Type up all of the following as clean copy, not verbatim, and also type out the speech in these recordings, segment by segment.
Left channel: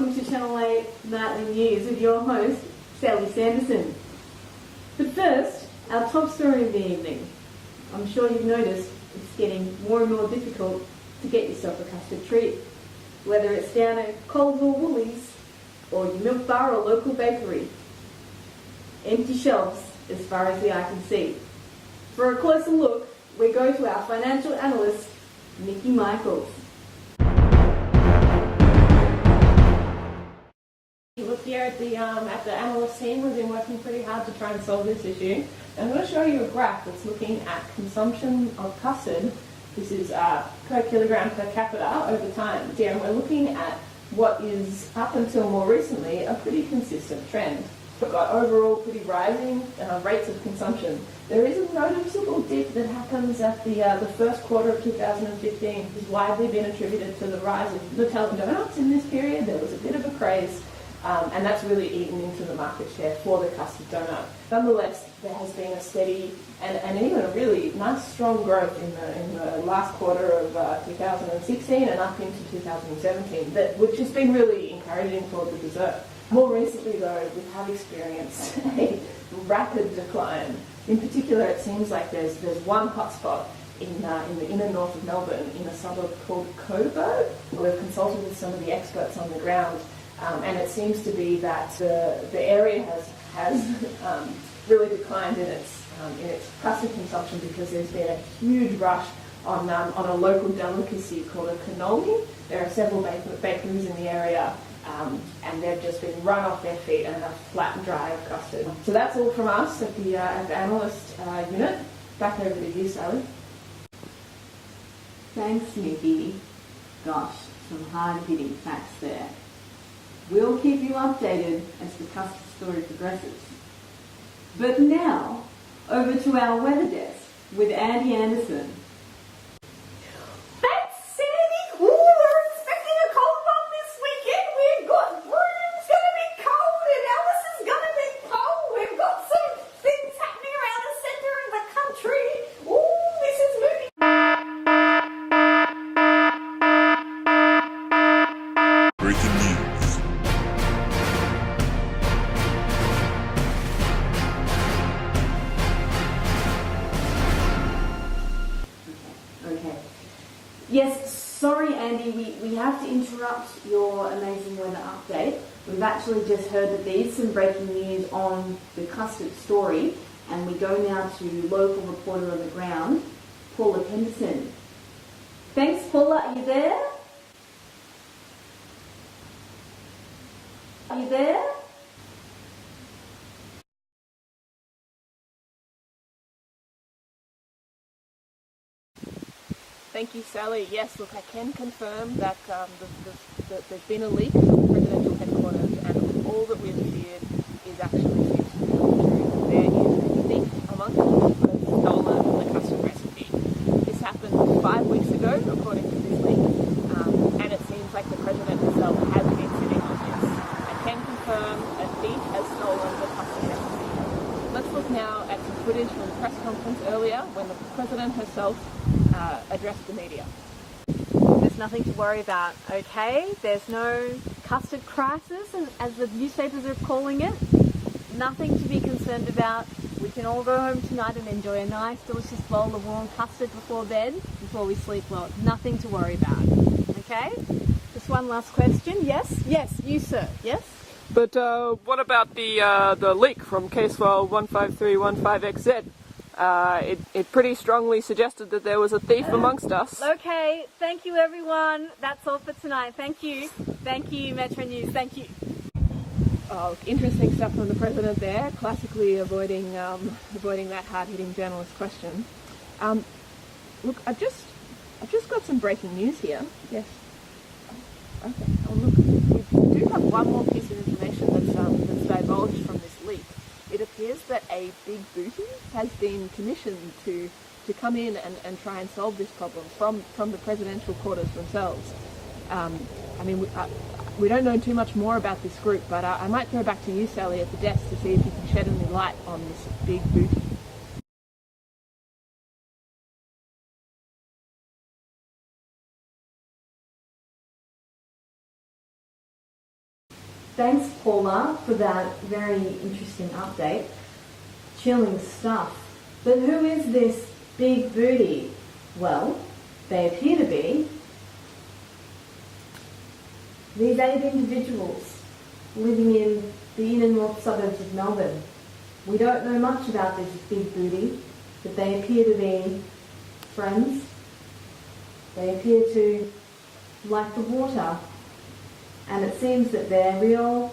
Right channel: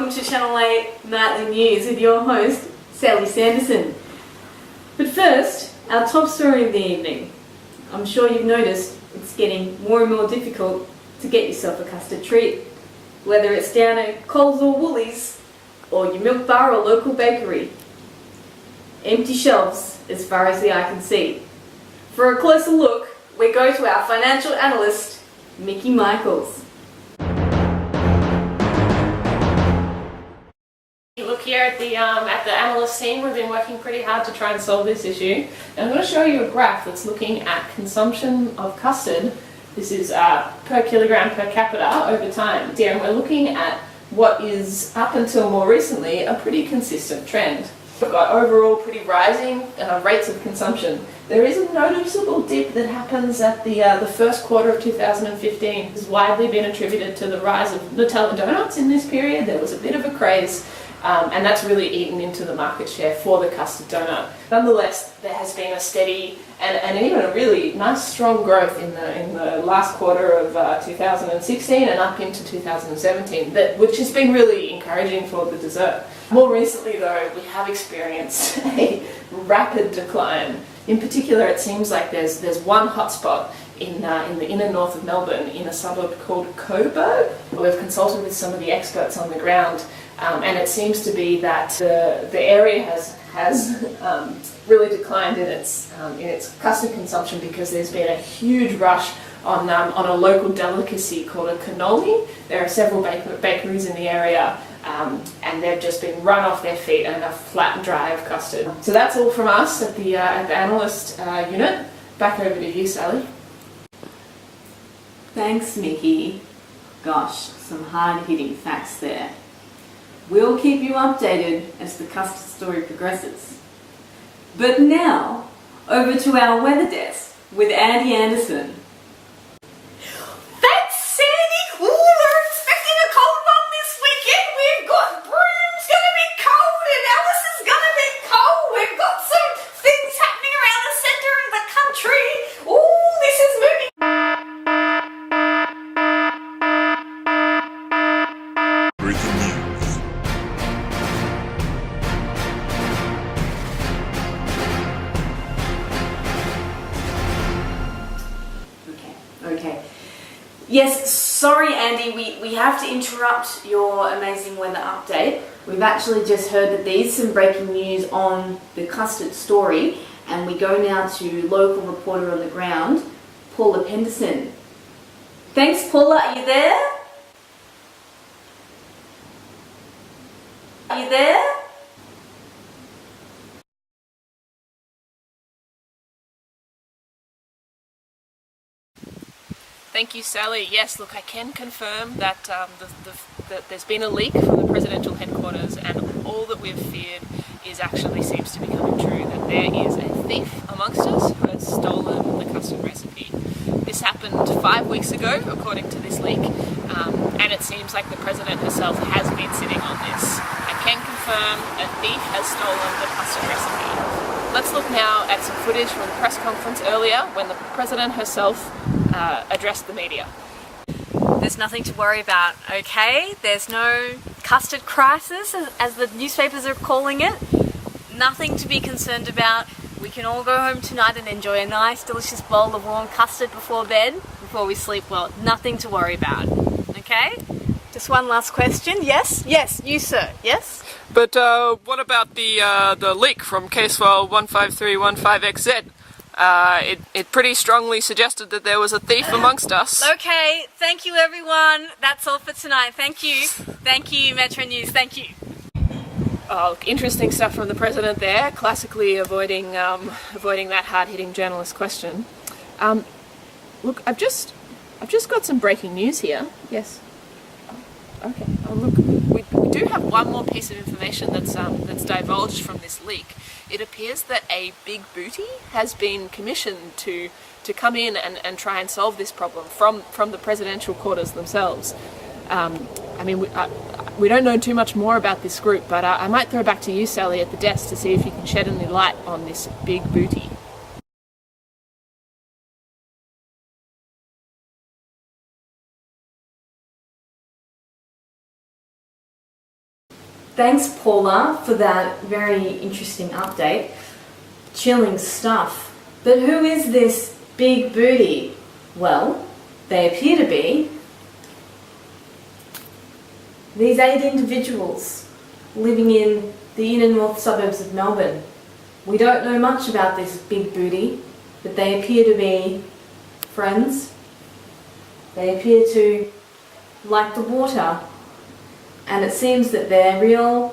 welcome to Channel 8 Nightly News with your host, Sally Sanderson. But first, our top story of the evening. I'm sure you've noticed it's getting more and more difficult to get yourself a custard treat, whether it's down at Coles or Woolies, or your milk bar or local bakery. Empty shelves as far as the eye can see. For a closer look, we go to our financial analyst, Mickey Michaels. Look, here at the analyst team, we've been working pretty hard to try and solve this issue. And I'm going to show you a graph that's looking at consumption of custard. This is per kilogram per capita over time. And we're looking at what is, up until more recently, a pretty consistent trend. We've got overall pretty rising rates of consumption. There is a noticeable dip that happens at the first quarter of 2015. It's widely been attributed to the rise of Nutella donuts in this period. There was a bit of a craze. And that's really eaten into the market share for the custard donut. Nonetheless, there has been a steady and even a really nice strong growth in the last quarter of 2016 and up into 2017, which has been really encouraging for the dessert. More recently though, we have experienced a rapid decline. In particular, it seems like there's one hotspot in the inner north of Melbourne in a suburb called Coburg. We've consulted with some of the experts on the ground. And it seems to be that the area has really declined in its custard consumption because there's been a huge rush on a local delicacy called a cannoli. There are several bakeries in the area, and they've just been run off their feet and a flat and dry of custard. So that's all from us at the analyst unit. Back over to you, Sally. Thanks, Mickey. Gosh, some hard-hitting facts there. We'll keep you updated as the custard story progresses. But now, over to our weather desk with Andy Anderson. Thanks, Sandy! Ooh, we're expecting a cold one this weekend. We've got Broom's gonna be cold and Alice is gonna be cold. We've got some things happening around the centre of the country. Ooh, this is moving. Breaking news. Okay. Yes, sorry Andy, we have to interrupt your amazing weather update. We've actually just heard that there is some breaking news on the custard story, and we go now to local reporter on the ground, Paula Penderson. Thanks, Paula, are you there? Are you there? Thank you, Sally. Yes, look, I can confirm that there's been a leak from the presidential headquarters, and all that we've feared actually seems to be coming true, that there is a thief amongst us who has stolen the custard recipe. This happened 5 weeks ago, according to this leak, and it seems like the president herself has been sitting on this. I can confirm a thief has stolen the custard recipe. Let's look now at some footage from the press conference earlier when the president herself addressed the media. There's nothing to worry about, okay? There's no custard crisis, as the newspapers are calling it. Nothing to be concerned about. We can all go home tonight and enjoy a nice, delicious bowl of warm custard before bed, before we sleep well. Nothing to worry about, okay? Just one last question. Yes? Yes, you sir. Yes? But what about the leak from Casewell 15315XZ? It pretty strongly suggested that there was a thief amongst us. Okay, thank you everyone. That's all for tonight. Thank you. Thank you, Metro News. Thank you. Oh, interesting stuff from the president there, classically avoiding that hard-hitting journalist question. Look, I've just got some breaking news here. Yes. Okay. Oh, look, we do have one more piece of information that's divulged from this leak. It appears that a big booty has been commissioned to come in and try and solve this problem from the presidential quarters themselves. I mean, we don't know too much more about this group, but I might throw back to you, Sally, at the desk to see if you can shed any light on this big booty. Thanks, Paula, for that very interesting update. Chilling stuff. But who is this big booty? Well, they appear to be these 8 individuals living in the inner north suburbs of Melbourne. We don't know much about this big booty, but they appear to be friends. They appear to like the water, and it seems that they're real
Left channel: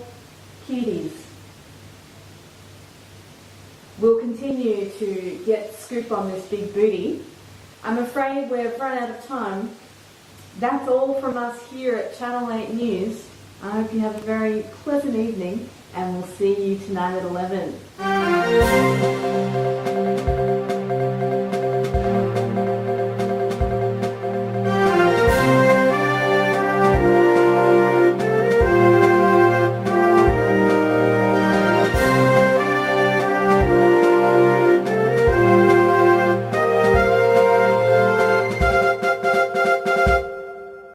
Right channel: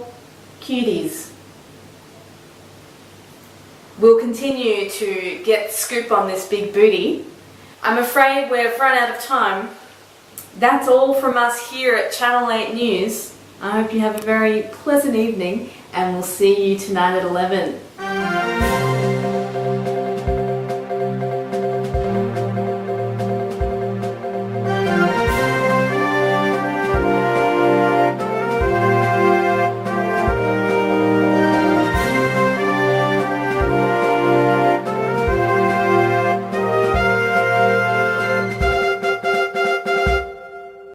cuties. We'll continue to get the scoop on this big booty. I'm afraid we've run out of time. That's all from us here at Channel 8 News. I hope you have a very pleasant evening, and we'll see you tonight at 11.